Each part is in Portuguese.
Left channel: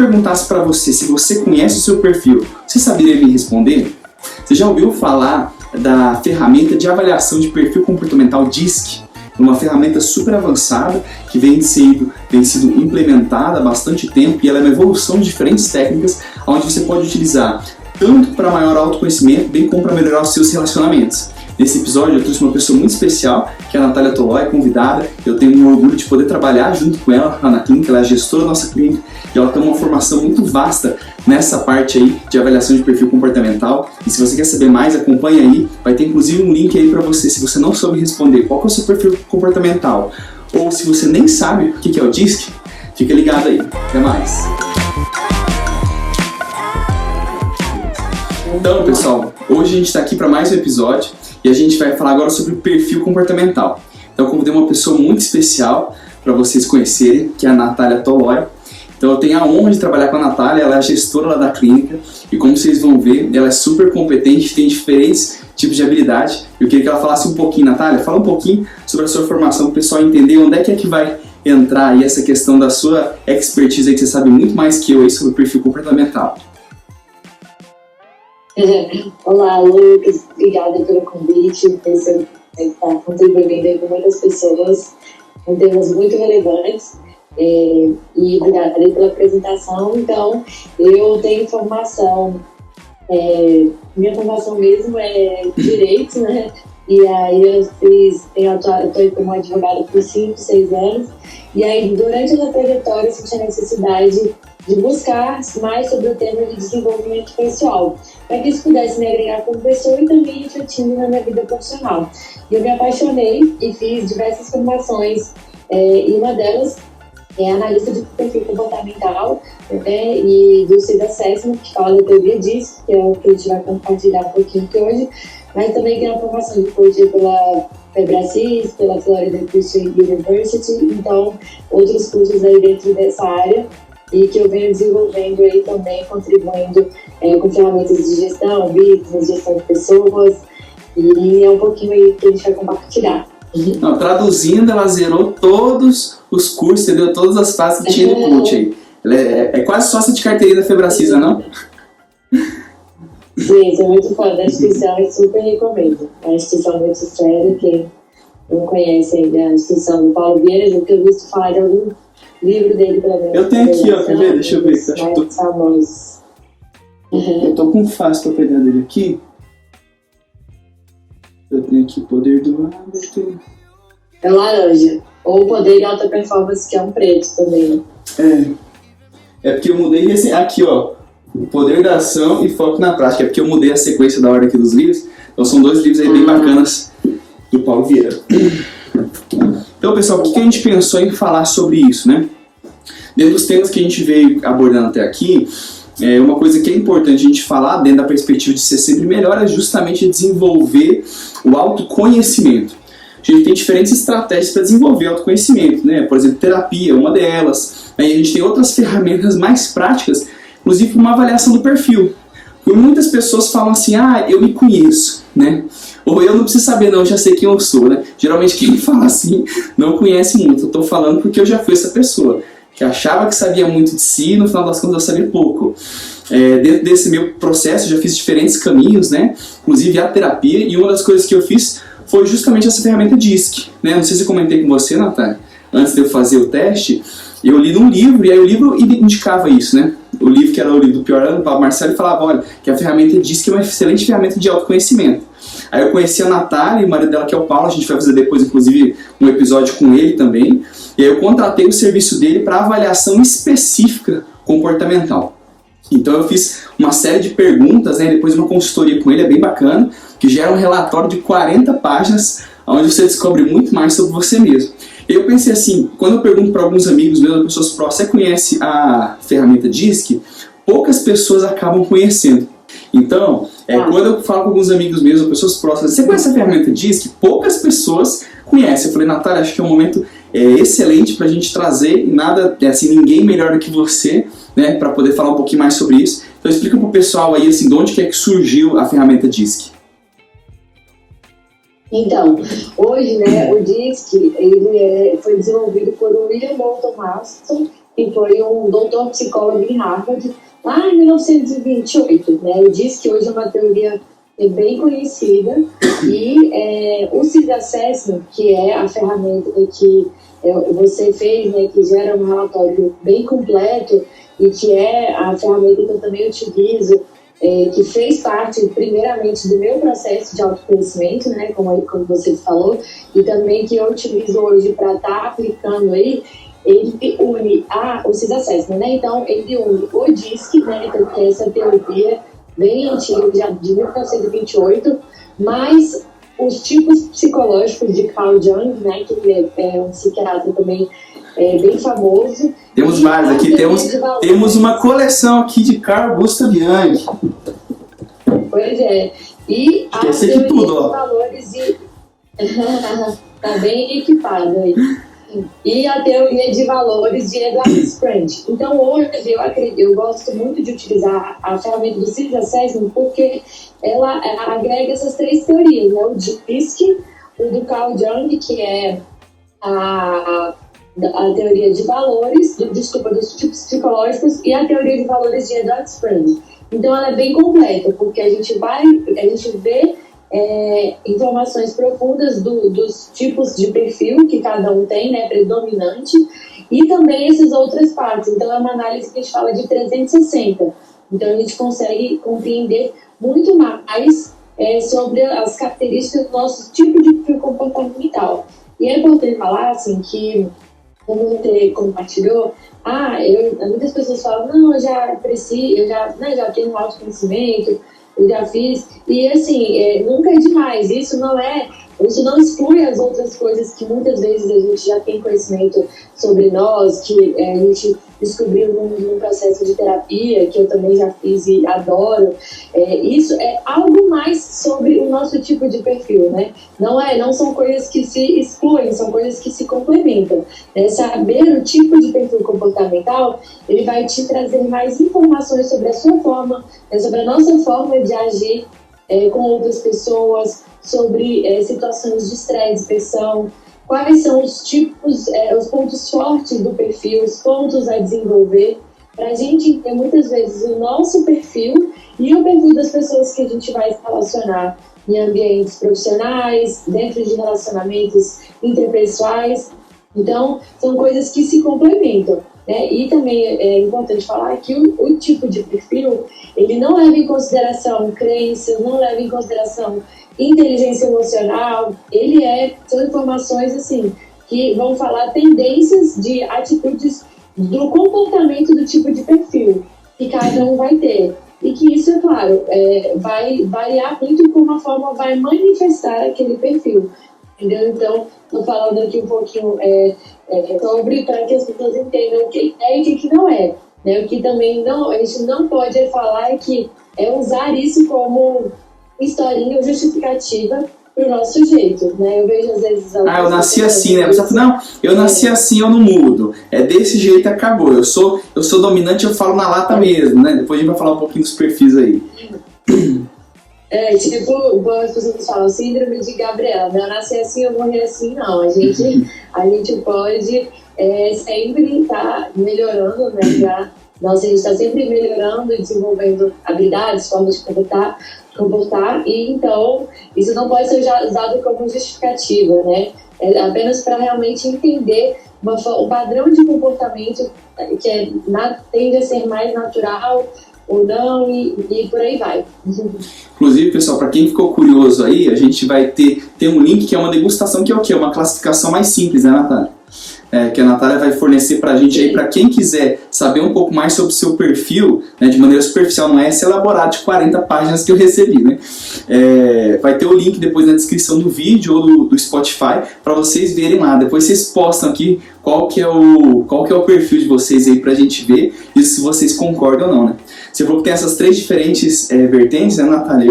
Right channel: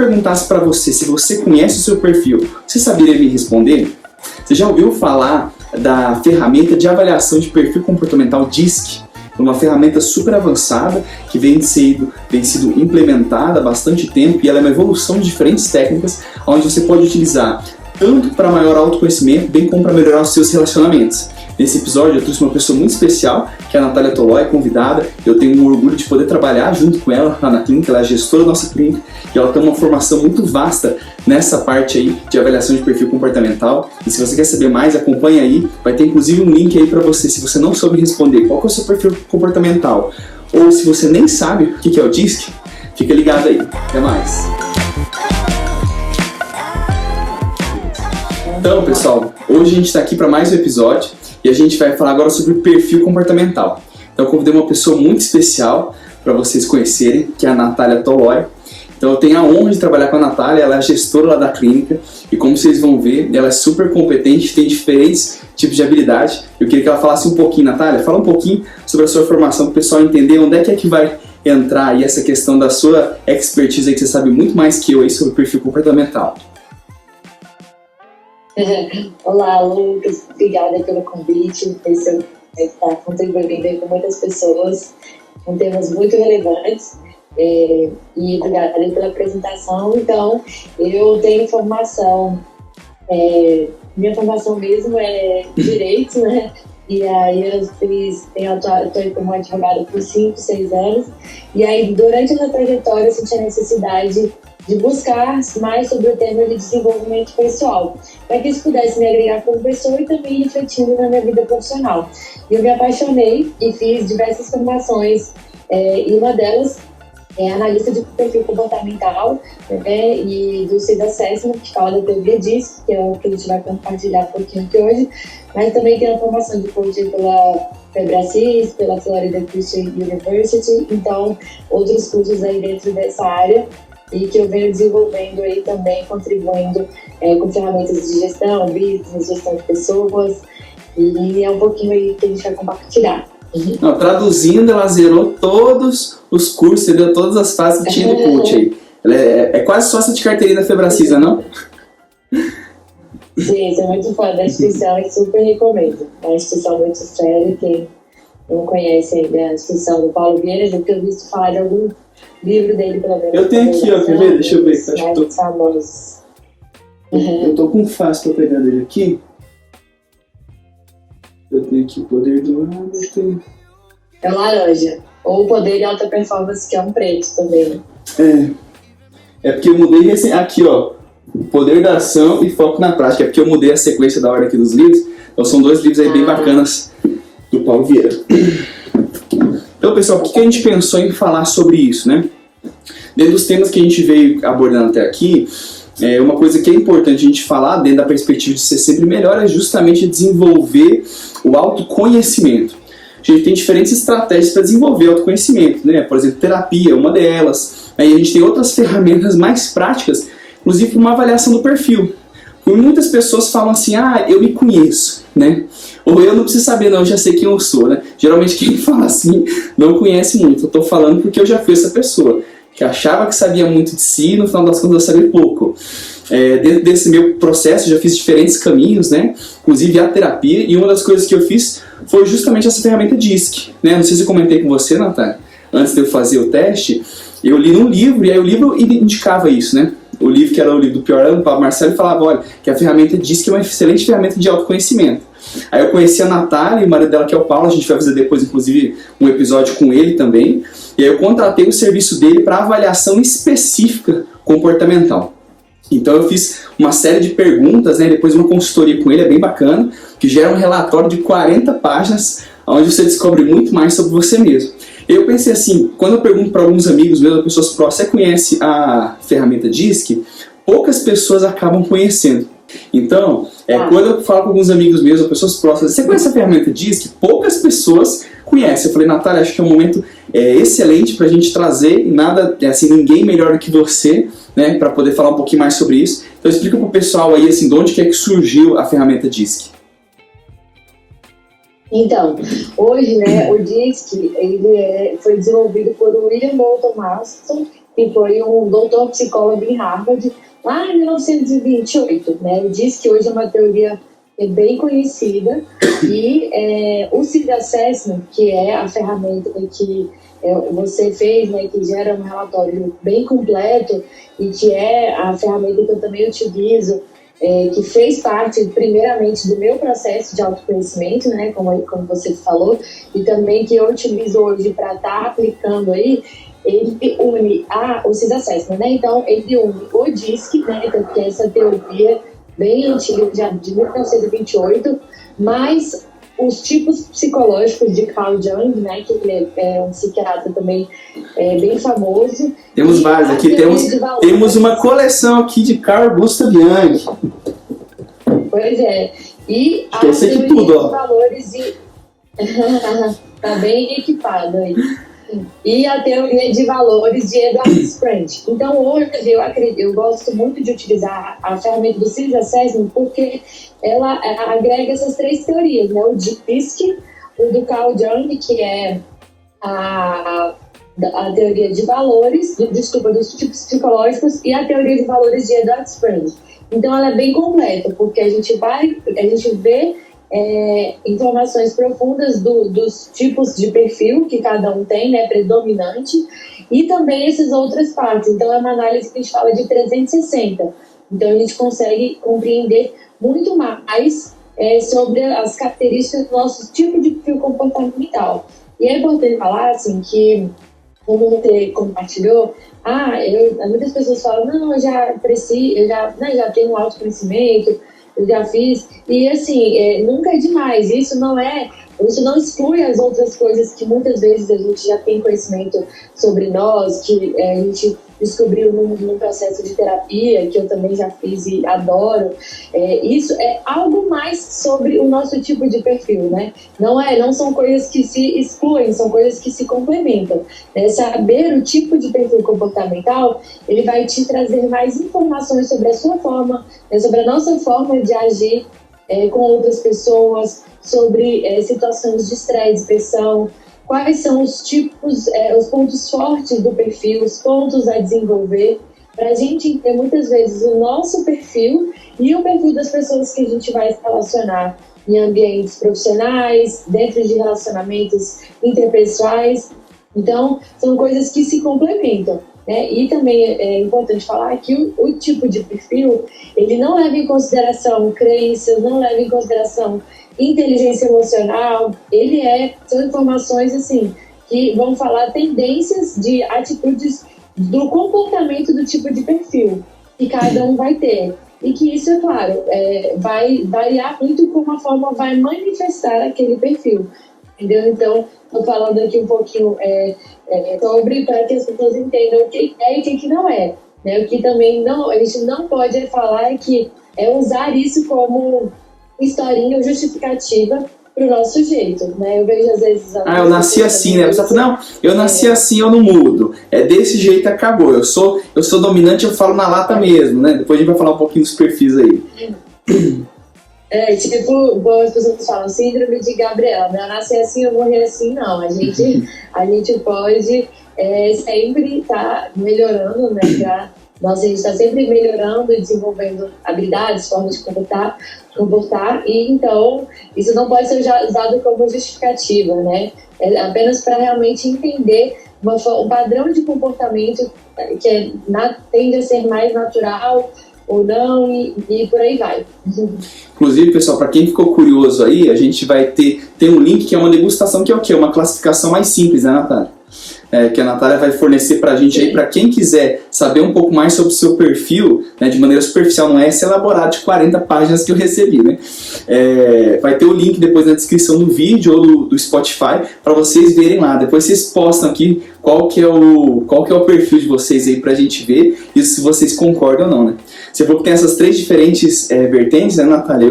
perguntasse para você se você conhece o seu perfil, você saberia me responder? Você já ouviu falar da ferramenta de avaliação de perfil comportamental DISC? É uma ferramenta super avançada que vem sido implementada há bastante tempo e ela é uma evolução de diferentes técnicas onde você pode utilizar tanto para maior autoconhecimento, bem como para melhorar os seus relacionamentos. Nesse episódio eu trouxe uma pessoa muito especial, que é a Natália Tolói, convidada. Eu tenho um orgulho de poder trabalhar junto com ela lá na clínica, ela é a gestora da nossa clínica e ela tem uma formação muito vasta nessa parte aí de avaliação de perfil comportamental. E se você quer saber mais, acompanhe aí, vai ter inclusive um link aí para você, se você não soube responder qual que é o seu perfil comportamental, ou se você nem sabe o que é o DISC, fica ligado aí. Até mais! Então, pessoal, hoje a gente está aqui para mais um episódio e a gente vai falar agora sobre perfil comportamental. Então, eu convidei uma pessoa muito especial para vocês conhecerem, que é a Natália Tolói. Então, eu tenho a honra de trabalhar com a Natália, ela é a gestora lá da clínica e, como vocês vão ver, ela é super competente, tem diferentes tipos de habilidade. Eu queria que ela falasse um pouquinho, Natália, fala um pouquinho sobre a sua formação para o pessoal entender onde é que vai entrar aí essa questão da sua expertise aí, que você sabe muito mais que eu aí sobre perfil comportamental. Olá, Lucas. Obrigada pelo convite. Você está contribuindo aí com muitas pessoas com temas muito relevantes. E obrigada aí pela apresentação. Então, eu tenho formação, minha formação mesmo é Direito, né? E aí eu estou como advogada por 5, 6 anos. E aí, durante essa trajetória, eu senti a necessidade de buscar mais sobre o tema de desenvolvimento pessoal, para que isso pudesse me agregar como pessoa e também refletindo na minha vida profissional. E eu me apaixonei e fiz diversas formações, e uma delas é analista de perfil comportamental, né, e do CID Assessment, que fala da teoria DISC, que é o que a gente vai compartilhar um pouquinho aqui hoje, mas também tem uma formação de coaching pela Febracis, pela Florida Christian University, então outros cursos aí dentro dessa área, e que eu venho desenvolvendo aí também, contribuindo com ferramentas de gestão, business, gestão de pessoas, e é um pouquinho aí que a gente vai compartilhar. Não, traduzindo, ela zerou todos os cursos, entendeu? Todas as fases que tinha do coach aí. Ela é quase sócia de carteirinha da Febracisa, não? Sim, sou muito fã da instituição e super recomendo. É uma instituição muito séria, quem não conhece ainda a instituição do Paulo Vieira, porque eu visto falar de algum livro dele, pelo menos. Eu tenho aqui, ó, quer ver? Deixa eu ver. Acho que mais famosos. Eu tô com fácil pra pegar dele aqui. Eu tenho aqui o Poder do Hábito. É laranja. Ou o Poder de Alta Performance, que é um preto também. É porque eu mudei aqui, ó. O Poder da Ação e Foco na Prática. É porque eu mudei a sequência da ordem aqui dos livros. Então são 2 livros aí bem bacanas do Paulo Vieira. Então, pessoal, por que a gente pensou em falar sobre isso, né? Dentro dos temas que a gente veio abordando até aqui, uma coisa que é importante a gente falar, dentro da perspectiva de ser sempre melhor, é justamente desenvolver o autoconhecimento. A gente tem diferentes estratégias para desenvolver o autoconhecimento, né? Por exemplo, terapia é uma delas. Aí a gente tem outras ferramentas mais práticas, inclusive uma avaliação do perfil. Porque muitas pessoas falam assim, eu me conheço, né? Ou eu não preciso saber não, eu já sei quem eu sou, né? Geralmente quem fala assim não conhece muito. Eu estou falando porque eu já fui essa pessoa, que achava que sabia muito de si e no final das contas eu sabia pouco. Dentro desse meu processo eu já fiz diferentes caminhos, né? Inclusive a terapia, e uma das coisas que eu fiz foi justamente essa ferramenta DISC, né? Não sei se eu comentei com você, Natália, antes de eu fazer o teste, eu li num livro, e aí o livro indicava isso, né? O livro que era o livro do Pior Ano, do Pablo Marcelo, falava, olha, que a ferramenta DISC é uma excelente ferramenta de autoconhecimento. Aí eu conheci a Natália e o marido dela, que é o Paulo, a gente vai fazer depois, inclusive, um episódio com ele também, e aí eu contratei o serviço dele para avaliação específica comportamental. Então eu fiz uma série de perguntas, né, depois uma consultoria com ele, é bem bacana, que gera um relatório de 40 páginas, onde você descobre muito mais sobre você mesmo. Eu pensei assim, quando eu pergunto para alguns amigos meus, pessoas próximas, você conhece a ferramenta DISC? Poucas pessoas acabam conhecendo. Então, quando eu falo com alguns amigos meus, ou pessoas próximas, você conhece a ferramenta DISC? Poucas pessoas conhecem. Eu falei, Natália, acho que é um momento excelente para a gente trazer, nada, assim, ninguém melhor do que você, né, para poder falar um pouquinho mais sobre isso. Então, explica para o pessoal aí, assim, de onde que é que surgiu a ferramenta DISC. Então, hoje, né, o DISC, ele foi desenvolvido por William Moulton Marston que foi um doutor psicólogo em Harvard, lá em 1928, né? Ele diz que hoje é uma teoria bem conhecida, e o CIS Assessment, que é a ferramenta que você fez, né, que gera um relatório bem completo e que é a ferramenta que eu também utilizo, que fez parte, primeiramente, do meu processo de autoconhecimento, né, como você falou, e também que eu utilizo hoje para estar aplicando aí. Ele une o CIS Assessment, né? Então, ele une o DISC, né, que é essa teoria bem antiga, já de 1928, mas os tipos psicológicos de Carl Jung, né, que ele é um psiquiatra também bem famoso. Temos vários aqui, temos uma coleção aqui de Carl Gustav Jung. Pois é. E a eu sei teoria que tudo, de valores de... Tá bem equipado aí. E a teoria de valores de Edward Sprint. Então, hoje, eu gosto muito de utilizar a ferramenta do CIS Assessment porque ela agrega essas três teorias, né? O DISC, o do Carl Jung, que é a teoria de valores, dos tipos psicológicos, e a teoria de valores de Edward Sprint. Então, ela é bem completa, porque a gente vê informações profundas dos tipos de perfil que cada um tem, né, predominante, e também essas outras partes. Então, é uma análise que a gente fala de 360. Então, a gente consegue compreender muito mais sobre as características do nosso tipo de perfil comportamental. E é importante falar, assim, que, como você compartilhou, muitas pessoas falam, não, eu já tenho um autoconhecimento, eu já fiz, e assim, nunca é demais, isso não exclui as outras coisas que muitas vezes a gente já tem conhecimento sobre nós, que a gente descobriu num processo de terapia, que eu também já fiz e adoro. Isso é algo mais sobre o nosso tipo de perfil, né? Não são coisas que se excluem, são coisas que se complementam. Saber o tipo de perfil comportamental, ele vai te trazer mais informações sobre a sua forma, sobre a nossa forma de agir com outras pessoas, sobre situações de estresse, pressão, quais são os tipos, os pontos fortes do perfil, os pontos a desenvolver, para a gente entender muitas vezes o nosso perfil e o perfil das pessoas que a gente vai se relacionar em ambientes profissionais, dentro de relacionamentos interpessoais. Então, são coisas que se complementam. E também é importante falar que o tipo de perfil, ele não leva em consideração crenças, não leva em consideração inteligência emocional, são informações assim, que vão falar tendências de atitudes do comportamento do tipo de perfil que cada um vai ter. E que isso, é claro, vai variar muito como a forma vai manifestar aquele perfil. Entendeu? Então, estou falando aqui um pouquinho sobre, para que as pessoas entendam o que é e o que não é. Né? O que também a gente não pode falar que usar isso como historinha ou justificativa para o nosso jeito. Né? Eu vejo às vezes... eu nasci assim, né? A pessoa fala, não, eu nasci assim, eu não mudo. É desse jeito, acabou. Eu sou dominante, eu falo na lata mesmo, né? Depois a gente vai falar um pouquinho dos perfis aí. Tipo, as pessoas falam, síndrome de Gabriela, né? Eu nasci assim, eu morri assim, não. A gente pode sempre estar melhorando, né? A gente está sempre melhorando e desenvolvendo habilidades, formas de comportar, e então isso não pode ser usado como justificativa, né? É apenas para realmente entender um padrão de comportamento que tende a ser mais natural ou não, e por aí vai. Inclusive, pessoal, para quem ficou curioso aí, a gente vai ter um link que é uma degustação, que é o quê? Uma classificação mais simples, né, Natália? Que a Natália vai fornecer pra gente aí, para quem quiser saber um pouco mais sobre o seu perfil, né, de maneira superficial, não é esse elaborado de 40 páginas que eu recebi, né? Vai ter o link depois na descrição do vídeo ou do Spotify, para vocês verem lá. Depois vocês postam aqui qual que é o perfil de vocês aí pra gente ver, e se vocês concordam ou não, né? Você falou que tem essas três diferentes vertentes, né, Natália?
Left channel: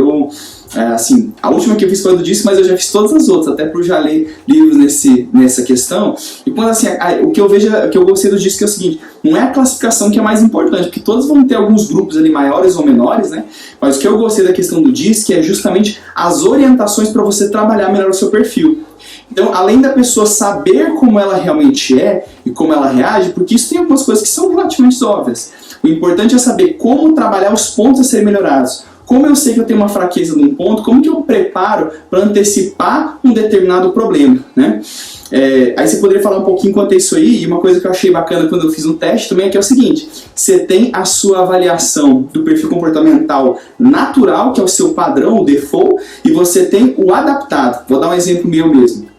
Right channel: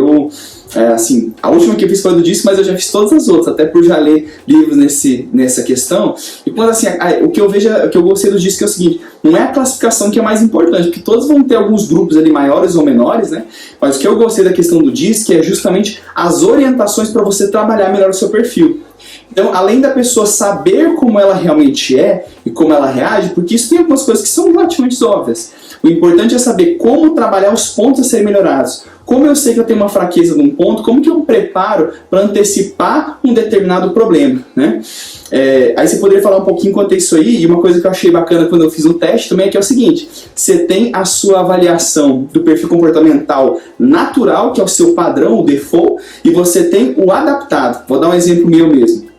Assim, a última que eu fiz foi do disco, mas eu já fiz todas as outras, até por já ler livros nessa questão. E quando assim, o que eu gostei do disco é o seguinte: não é a classificação que é mais importante, porque todos vão ter alguns grupos ali maiores ou menores, né? Mas o que eu gostei da questão do disco é justamente as orientações para você trabalhar melhor o seu perfil. Então, além da pessoa saber como ela realmente é e como ela reage, porque isso tem algumas coisas que são relativamente óbvias. O importante é saber como trabalhar os pontos a serem melhorados. Como eu sei que eu tenho uma fraqueza num ponto, como que eu preparo para antecipar um determinado problema, né? Aí você poderia falar um pouquinho quanto a isso aí, e uma coisa que eu achei bacana quando eu fiz o teste também é que é o seguinte: você tem a sua avaliação do perfil comportamental natural, que é o seu padrão, o default, e você tem o adaptado. Vou dar um exemplo meu mesmo.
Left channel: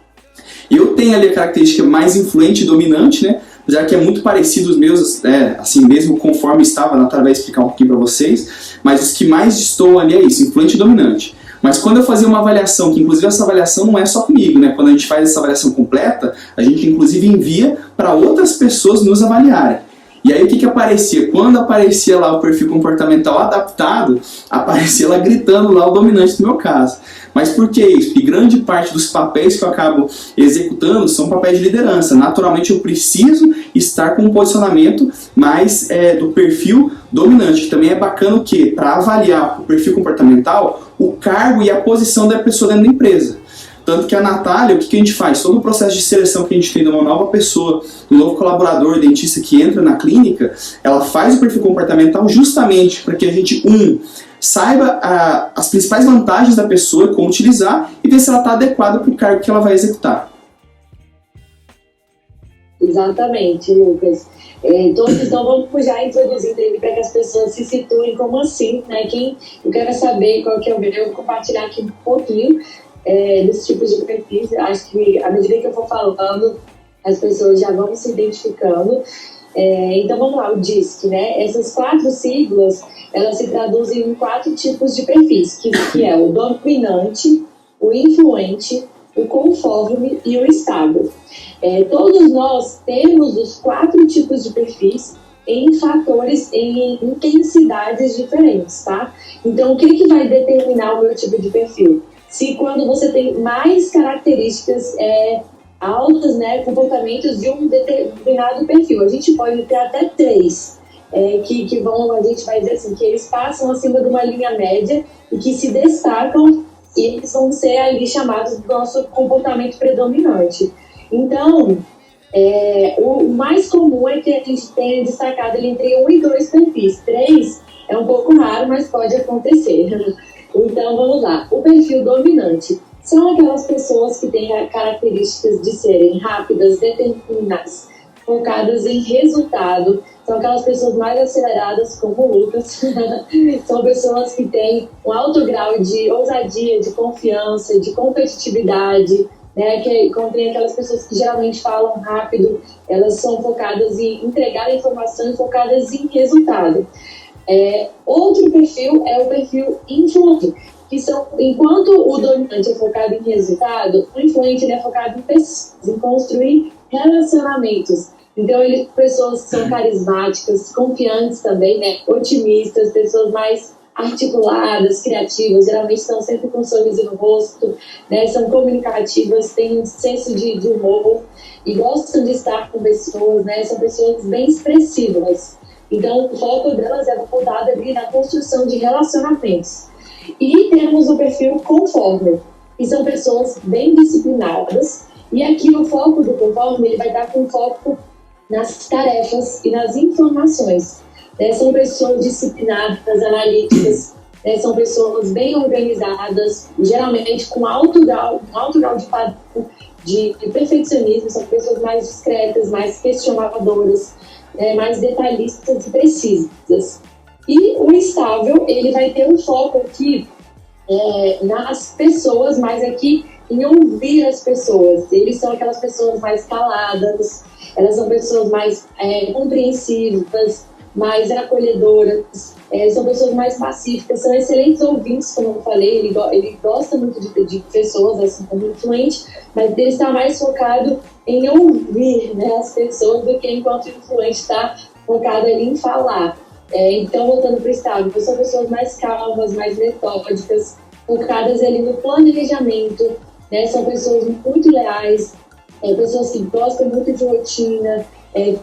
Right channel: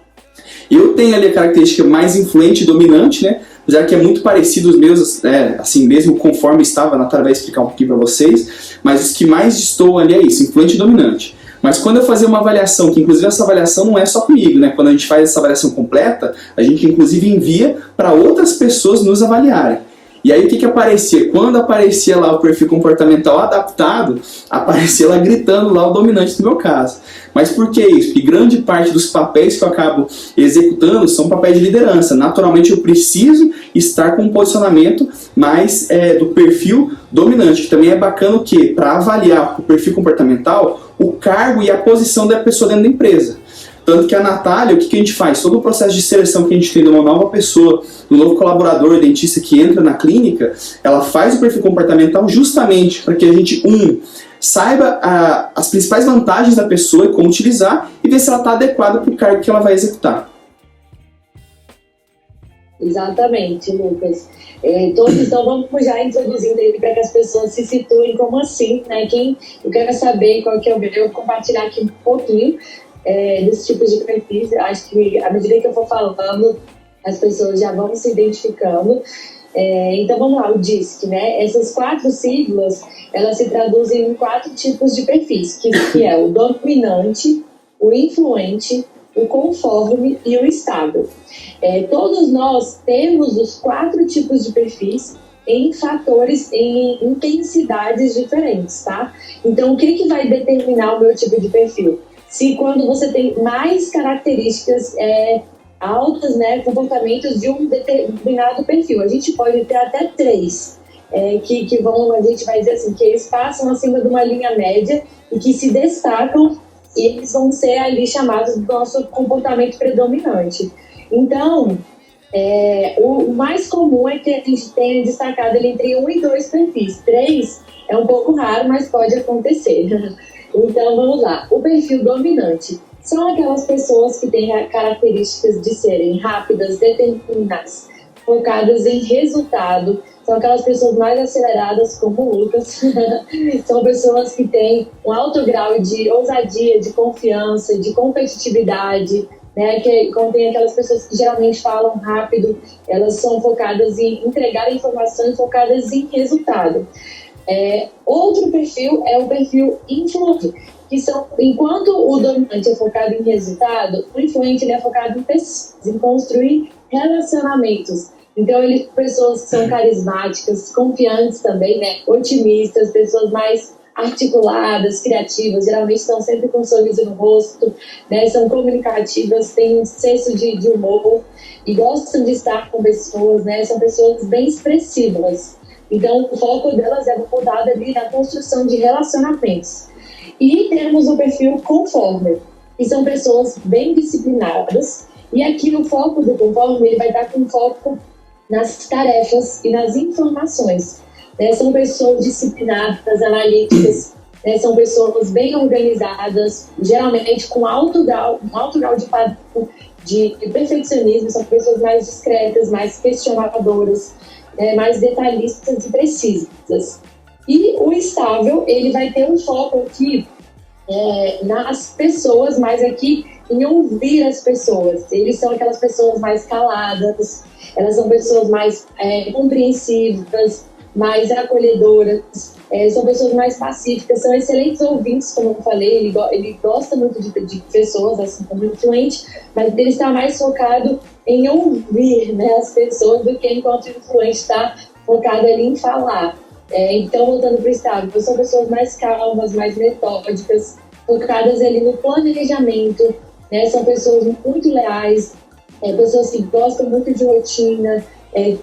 Eu tenho ali a característica mais influente e dominante, né? Já que é muito parecido os meus, assim mesmo conforme estava, a Natália vai explicar um pouquinho para vocês, mas os que mais destoam ali é isso, influente e dominante. Mas quando eu fazia uma avaliação, que inclusive essa avaliação não é só comigo, né? Quando a gente faz essa avaliação completa, a gente inclusive envia para outras pessoas nos avaliarem. E aí o que aparecia? Quando aparecia lá o perfil comportamental adaptado, aparecia lá gritando lá o dominante no meu caso. Mas por que isso? Porque grande parte dos papéis que eu acabo executando são papéis de liderança. Naturalmente eu preciso estar com um posicionamento mais do perfil dominante. Que também é bacana o quê? Para avaliar o perfil comportamental, o cargo e a posição da pessoa dentro da empresa. Tanto que a Natália, o que a gente faz? Todo o processo de seleção que a gente tem de uma nova pessoa, um novo colaborador, dentista que entra na clínica, ela faz o perfil comportamental justamente para que a gente, saiba as principais vantagens da pessoa e como utilizar, e ver se ela está adequada para o cargo que ela vai executar. Exatamente, Lucas. Então vamos já introduzindo ele para que as pessoas se situem como assim, né? Eu quero saber qual que é o meu, eu vou compartilhar aqui um pouquinho dos tipos de perfis. Acho que à medida que eu for falando, as pessoas já vão se identificando. Então vamos lá, o DISC, né? Essas 4 siglas, elas se traduzem em 4 tipos de perfis, que é o dominante, o influente, o conforme e o estável. Todos nós temos os 4 tipos de perfis em fatores, em intensidades diferentes, tá? Então, o que vai determinar o meu tipo de perfil? Se quando você tem mais características altas, né, comportamentos de um determinado perfil. A gente pode ter até 3, que vão, a gente vai dizer assim, que eles passam acima de uma linha média e que se destacam, e eles vão ser ali chamados do nosso comportamento predominante. Então, o mais comum é que a gente tenha destacado ele entre 1 e 2 perfis. 3 é um pouco raro, mas pode acontecer. Então, vamos lá. O perfil dominante são aquelas pessoas que têm características de serem rápidas, determinadas, focadas em resultado. São aquelas pessoas mais aceleradas, como o Lucas. São pessoas que têm um alto grau de ousadia, de confiança, de competitividade, né? Que contém aquelas pessoas que geralmente falam rápido, elas são focadas em entregar informação e focadas em resultado. Outro perfil é o perfil influente, que são, enquanto o dominante é focado em resultado, o influente ele é focado em pessoas, em construir relacionamentos. Então, pessoas que são carismáticas, confiantes também, né? Otimistas, pessoas mais articuladas, criativas, geralmente estão sempre com um sorriso no rosto, né? São comunicativas, têm um senso de humor e gostam de estar com pessoas, né? São pessoas bem expressivas. Então, o foco delas é voltado ali na construção de relacionamentos. E temos o perfil conforme, que são pessoas bem disciplinadas. E aqui o foco do conforme, ele vai estar com foco nas tarefas e nas informações. São pessoas disciplinadas, analíticas, são pessoas bem organizadas, geralmente com alto grau de perfeccionismo, são pessoas mais discretas, mais questionadoras, mais detalhistas e precisas. E o estável, ele vai ter um foco aqui nas pessoas, mas aqui em ouvir as pessoas. Eles são aquelas pessoas mais caladas, elas são pessoas mais compreensivas, mais acolhedoras, são pessoas mais pacíficas, são excelentes ouvintes, como eu falei, ele gosta muito de pessoas, assim como influente, mas ele está mais focado em ouvir, né, as pessoas do que enquanto o influente está focado ali em falar. Então, voltando para o estável, são pessoas mais calmas, mais metódicas, focadas ali no planejamento, né, são pessoas muito leais, pessoas que gostam muito de rotina,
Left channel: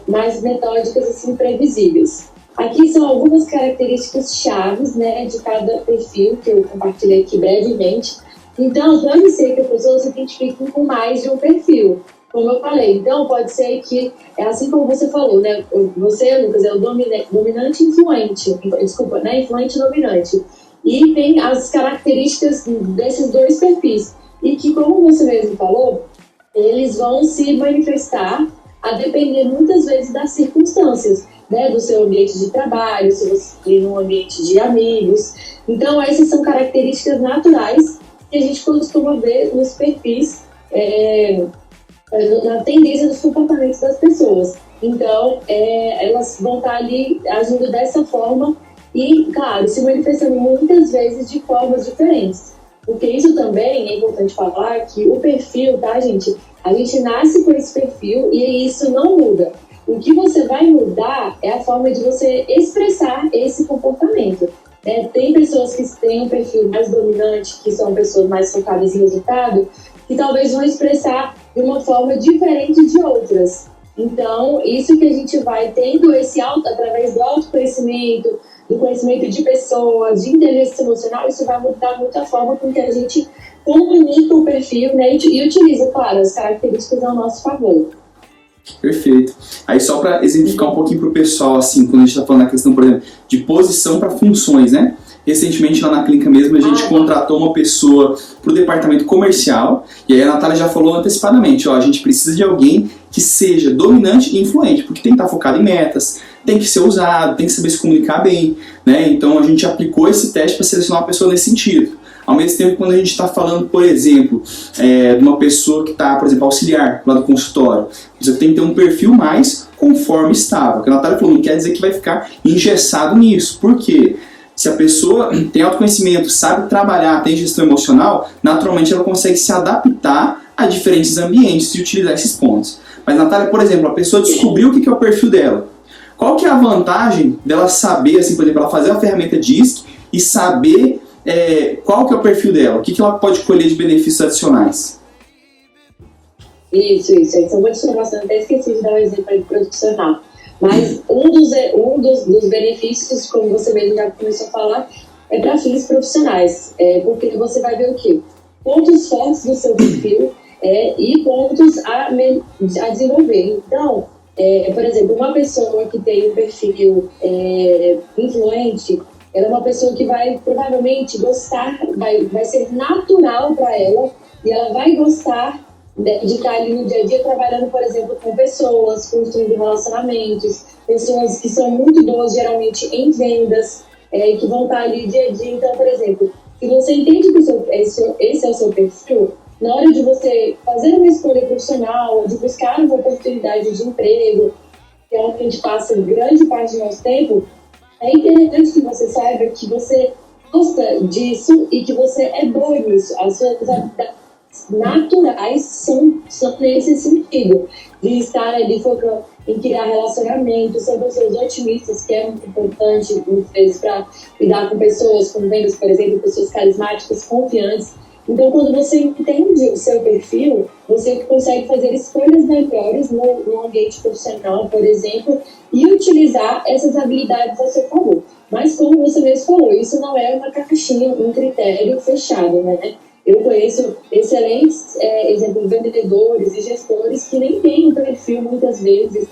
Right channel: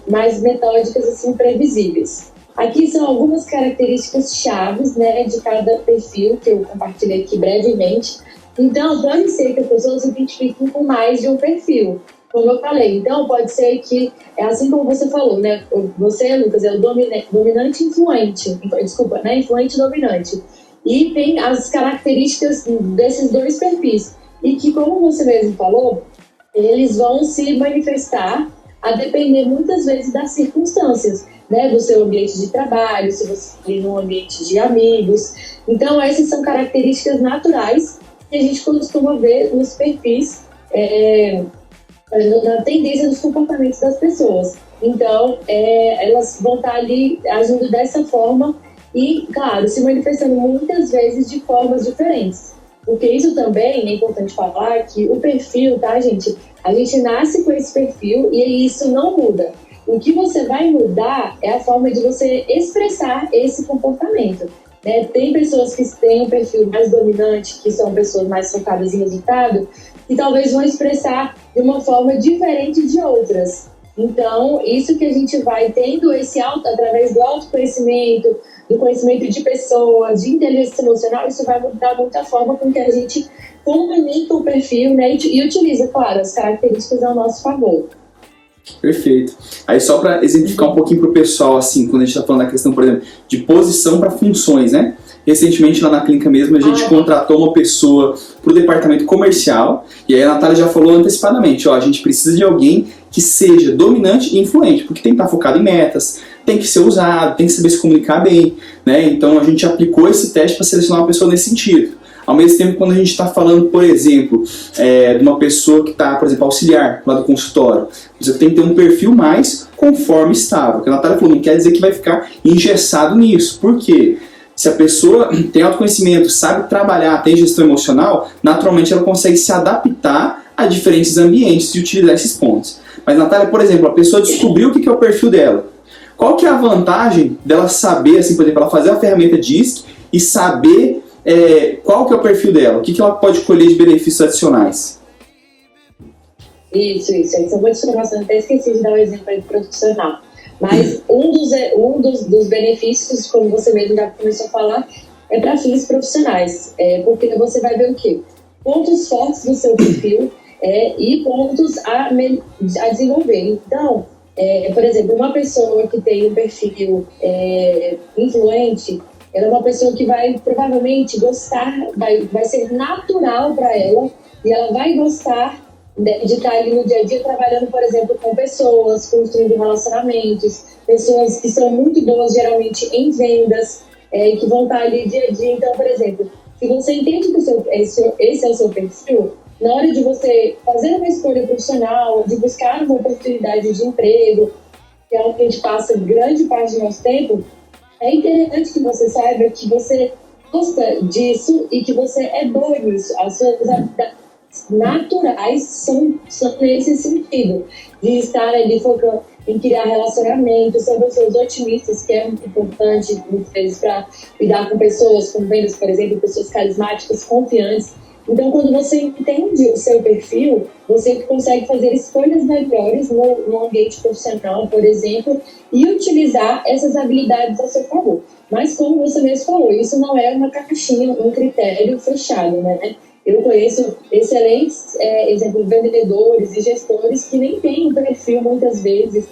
mais metódicas, assim, previsíveis. Aqui são algumas características chaves, né, de cada perfil que eu compartilhei aqui brevemente. Então, pode ser que as pessoas se identifiquem com mais de um perfil, como eu falei. Então, pode ser que, é assim como você falou, né? Você, Lucas, é o dominante influente. Desculpa, né? Influente dominante. E tem as características desses dois perfis. E que, como você mesmo falou, eles vão se manifestar a depender muitas vezes das circunstâncias, né? Do seu ambiente de trabalho, se você tem um ambiente de amigos. Então, essas são características naturais que a gente costuma ver nos perfis, na tendência dos comportamentos das pessoas. Então, elas vão estar ali agindo dessa forma e, claro, se manifestando muitas vezes de formas diferentes. Porque isso também é importante falar que o perfil, tá, gente? A gente nasce com esse perfil e isso não muda. O que você vai mudar é a forma de você expressar esse comportamento. Tem pessoas que têm um perfil mais dominante, que são pessoas mais focadas em resultado, que talvez vão expressar de uma forma diferente de outras. Então, isso que a gente vai tendo através do autoconhecimento, do conhecimento de pessoas, de inteligência emocional, isso vai mudar muito a forma com que a gente comunica o perfil, né, e utiliza, claro, as características ao nosso favor. Perfeito. Aí só para exemplificar um pouquinho para o pessoal, assim, quando a gente está falando da questão, por exemplo, de posição para funções, né? Recentemente lá na clínica mesmo a gente contratou uma pessoa para o departamento comercial e aí a Natália já falou antecipadamente, a gente precisa de alguém que seja dominante e influente, porque tem que estar focado em metas, tem que ser usado, tem que saber se comunicar bem, né? Então a gente aplicou esse teste para selecionar uma pessoa nesse sentido. Ao mesmo tempo, quando a gente está falando, por exemplo, de uma pessoa que está, por exemplo, auxiliar lá do consultório, você tem que ter um perfil mais conforme estável. Que a Natália falou, não quer dizer que vai ficar engessado nisso. Por quê? Se a pessoa tem autoconhecimento, sabe trabalhar, tem gestão emocional, naturalmente ela consegue se adaptar a diferentes ambientes e utilizar esses pontos. Mas, Natália, por exemplo, a pessoa descobriu o que é o perfil dela. Qual que é a vantagem dela saber, assim, por exemplo, ela fazer a ferramenta DISC e saber qual que é o perfil dela? O que ela pode colher de benefícios adicionais? Isso. Essa é uma informação, até esqueci de dar um exemplo aí profissional. Mas um dos benefícios, como você mesmo já começou a falar, é para fins profissionais. Porque você vai ver o quê? Pontos fortes do seu perfil e pontos a desenvolver. Então, por exemplo, uma pessoa que tem um perfil influente, ela é uma pessoa que vai provavelmente gostar, vai ser natural para ela e ela vai gostar de estar ali no dia a dia trabalhando, por exemplo, com pessoas, construindo relacionamentos, pessoas que são muito boas geralmente em vendas, que vão estar ali dia a dia. Então, por exemplo, se você entende que esse é o seu perfil, na hora de você fazer uma escolha profissional, de buscar uma oportunidade de emprego, que é onde a gente passa grande parte do nosso tempo, é interessante que você saiba que você gosta disso e que você é bom nisso. As suas habilidades naturais são nesse sentido, de estar ali focando em criar relacionamentos, ser pessoas otimistas, que é muito importante, muitas vezes, para lidar com pessoas, com vendas, por exemplo, pessoas carismáticas, confiantes. Então, quando você entende o seu perfil, você consegue fazer escolhas melhores no ambiente profissional, por exemplo, e utilizar essas habilidades a seu favor. Mas, como você mesmo falou, isso não é uma caixinha, um critério fechado, né? Eu conheço excelentes vendedores e gestores que nem têm um perfil, muitas vezes,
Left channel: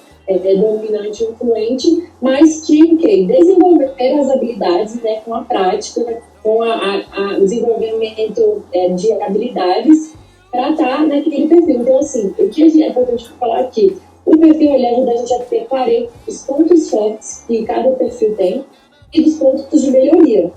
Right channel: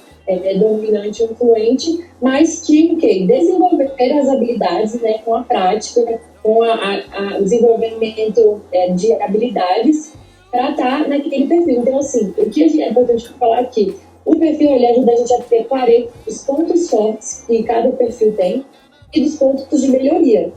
dominante ou influente, mas que desenvolveram as habilidades, né, com a prática, com o desenvolvimento de habilidades para estar naquele perfil. Então, assim, o que é importante falar aqui, o perfil ele ajuda a gente a ter clareza dos pontos fortes que cada perfil tem e dos pontos de melhoria.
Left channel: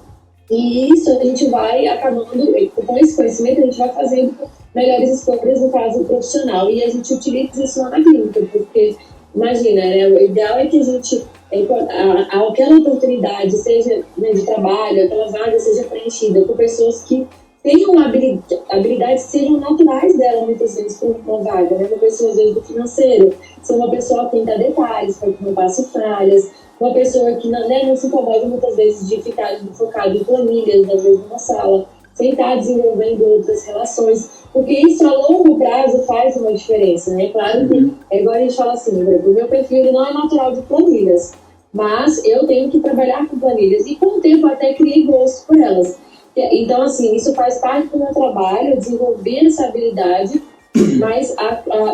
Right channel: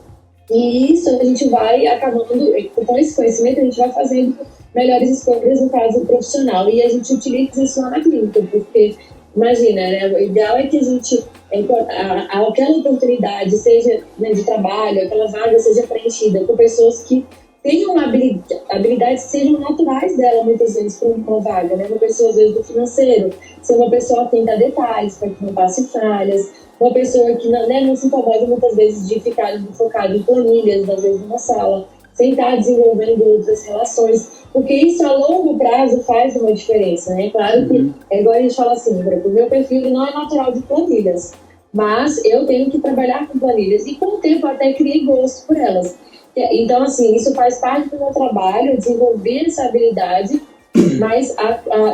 E isso a gente vai acabando, com esse conhecimento, a gente vai fazendo melhores escolhas no caso profissional. E a gente utiliza isso lá na clínica, porque, imagina, né, o ideal é que a gente, aquela oportunidade, seja, né, de trabalho, aquela vaga seja preenchida por pessoas que tenham habilidades que sejam naturais dela, muitas vezes, para uma vaga, né? Uma pessoa, às vezes, do financeiro, ser uma pessoa atenta a detalhes, para que não passe falhas, uma pessoa que não se incomoda, muitas vezes, de ficar focado em planilhas, às vezes, numa sala, sem estar desenvolvendo outras relações, porque isso, a longo prazo, faz uma diferença, né? Claro que, é igual a gente fala assim, o meu perfil ele não é natural de planilhas, mas eu tenho que trabalhar com planilhas, e com o tempo até criei gosto por elas. Então, assim, isso faz parte do meu trabalho, desenvolver essa habilidade, mas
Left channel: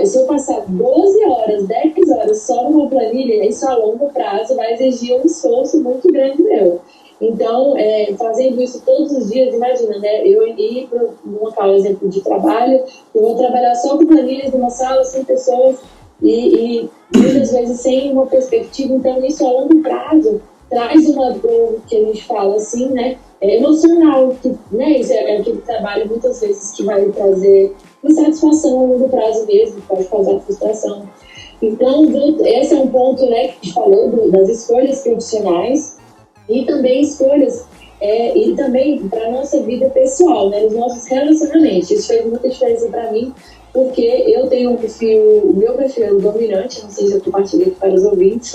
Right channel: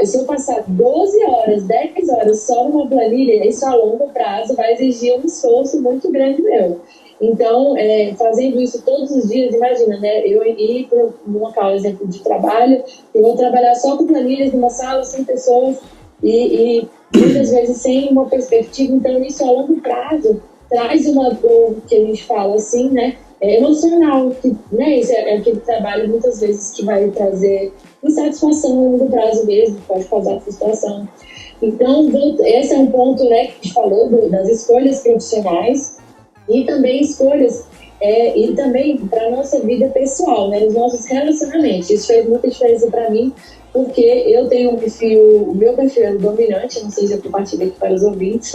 se eu passar 12 horas, 10 horas só numa planilha, isso a longo prazo vai exigir um esforço muito grande meu. Então, fazendo isso todos os dias, imagina, né? Eu ir para um local, exemplo de trabalho, eu vou trabalhar só com planilhas numa sala, 100 pessoas, e muitas vezes sem uma perspectiva. Então, isso a longo prazo traz uma dor, que a gente fala assim, né? Emocional, que, né? Isso é aquele trabalho muitas vezes que vai trazer insatisfação a longo prazo mesmo, pode causar frustração. Então, esse é um ponto, né, que a gente falou das escolhas profissionais e também escolhas e também para a nossa vida pessoal, né, os nossos relacionamentos. Isso fez muita diferença para mim, porque eu tenho o meu perfil é dominante, não sei se eu compartilhei aqui para os ouvintes,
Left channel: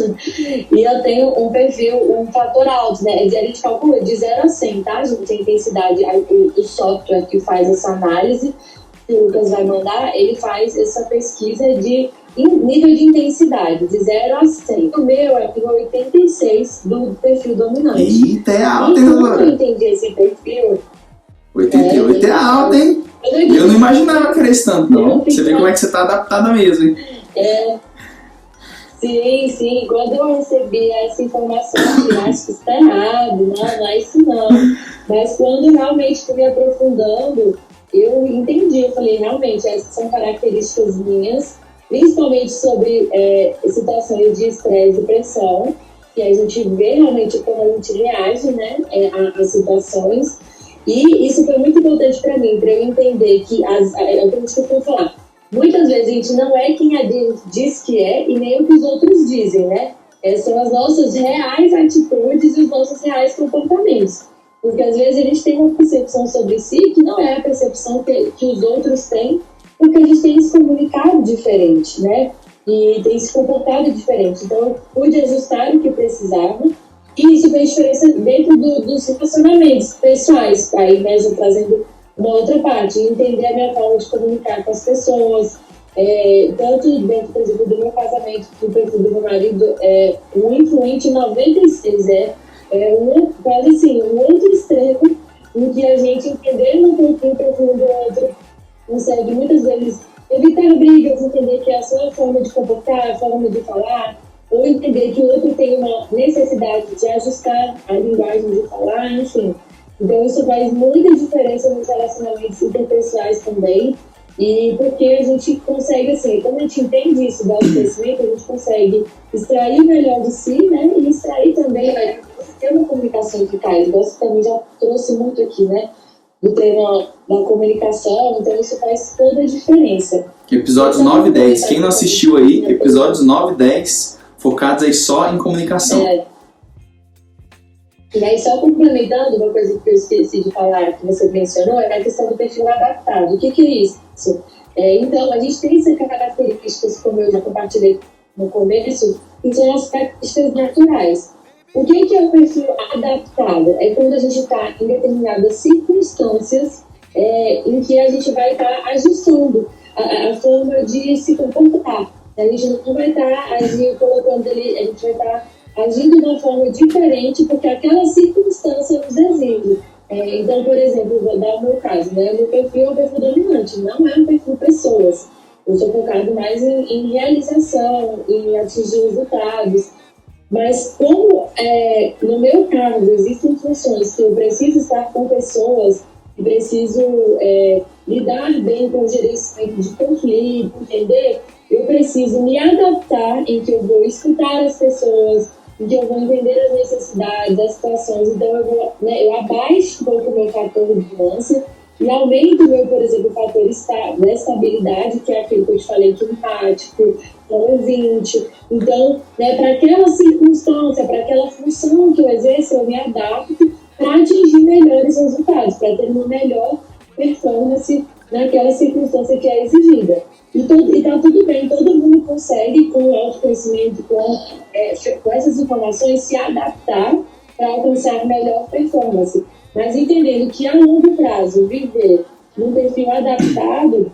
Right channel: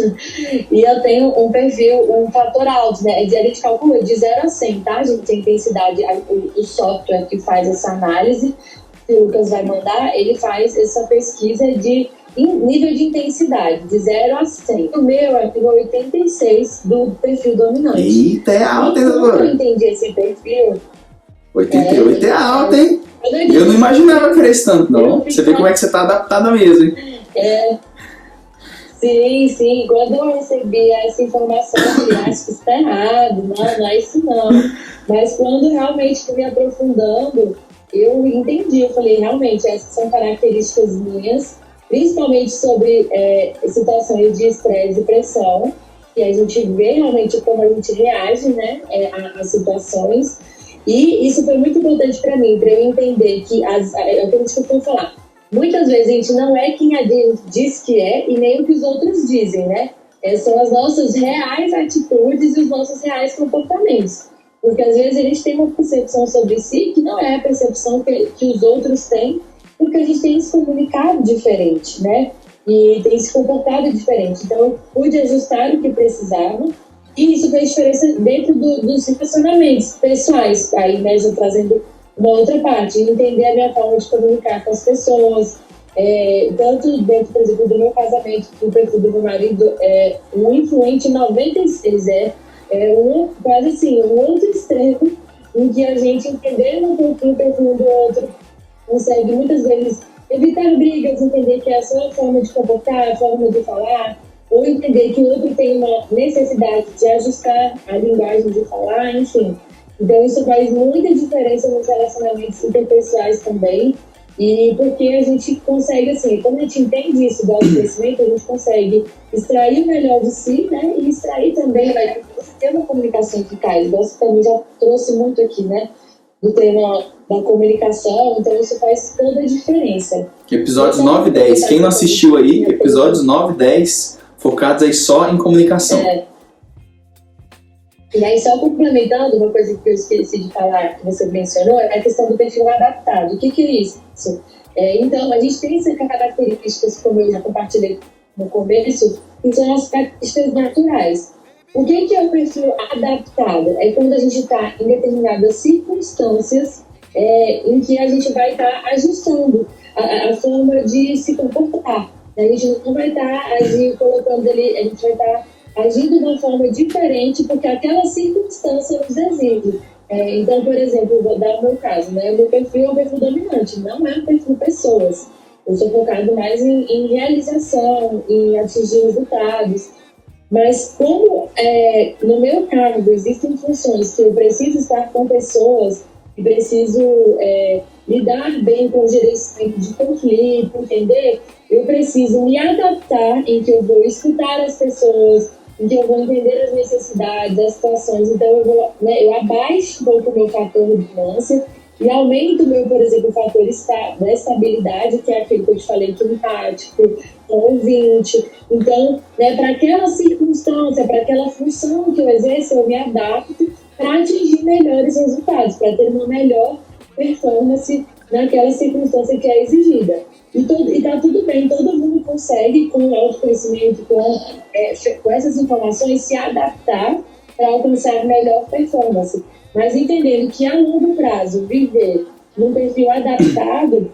e eu tenho um fator alto, né? A gente calcula de 0 a 100, tá, gente? A intensidade, o software que faz essa análise, que o Lucas vai mandar, ele faz essa pesquisa de nível de intensidade, de 0 a 100. O meu é 86 do perfil dominante. Eita, é alto, hein, Quando agora? eu entendi esse perfil... 88 é alto, hein? Eu não imaginava que era esse tanto, não. Você vê como é que você tá adaptada mesmo, hein? Sim. Quando eu recebi essa informação, eu falei, acho que isso tá errado. Não é isso não. Mas quando realmente fui me aprofundando, eu entendi. Eu falei, realmente, essas são características minhas, principalmente sobre situações de estresse e pressão, que a gente vê realmente como a gente reage, né, às situações. E isso foi muito importante para mim, para eu entender que, é o que eu costumo falar, muitas vezes a gente não é quem a gente diz que é e nem o que os outros dizem, né? São as nossas reais atitudes e os nossos reais comportamentos. Porque às vezes a gente tem uma percepção sobre si que não é a percepção que os outros têm, porque a gente tem se comunicado diferente, né? E tem se comportado diferente. Então eu pude ajustar o que precisava. E isso fez diferença dentro dos relacionamentos pessoais. Aí, né, já trazendo uma outra parte, entender a minha forma de comunicar com as pessoas, tanto dentro, por exemplo, do meu casamento, do perfil do meu marido, um influente 96, quase assim, um outro extremo, em que a gente, entendendo um pouquinho o perfil do outro, consegue muitas vezes evitar brigas, entender que é a sua forma de comportar, a forma de falar, ou entender que o outro tem uma necessidade de ajustar a linguagem de falar, enfim. Então, isso faz muita diferença nos relacionamentos interpessoais também, e porque a gente consegue, assim, quando a gente entende isso do autoconhecimento, a gente consegue extrair o melhor de si, né, e extrair também, né, ter uma comunicação eficaz. Você também já trouxe muito aqui, né, do treino da comunicação, então isso faz toda a diferença. Episódios 9 e 10, quem não assistiu aí, episódios 9 e 10, focados aí só em comunicação. E aí, só complementando, uma coisa que eu esqueci de falar, que você mencionou, é a questão do perfil adaptado. O que é isso? Então, a gente tem essas características, como eu já compartilhei no começo, que são as características naturais. O que é o perfil adaptado? É quando a gente está em determinadas circunstâncias em que a gente vai estar ajustando a forma de se comportar. A gente não vai estar colocando ali, a gente vai estar agindo de uma forma diferente porque aquela circunstância nos exige. Então, por exemplo, vou dar o meu caso, né? O meu perfil é um perfil dominante, não é um perfil pessoas. Eu sou focado mais em realização, em atingir resultados. Mas como no meu cargo existem funções que eu preciso estar com pessoas e preciso lidar bem com o gerenciamento de conflito, entender? Eu preciso me adaptar em que eu vou escutar as pessoas, em que eu vou entender as necessidades, as situações. Então, eu abaixo um pouco o meu fator de nuance e aumento o meu, por exemplo, fator da estabilidade, que é aquele que eu te falei, que é empático, ouvinte. Então, para aquela circunstância, para aquela função que eu exerço, eu me adapto para atingir melhores resultados, para ter uma melhor performance naquela circunstância que é exigida. E está tudo bem, todo mundo consegue, com o autoconhecimento, com essas informações, se adaptar para alcançar melhor performance. Mas entendendo que a longo prazo, viver num perfil adaptado,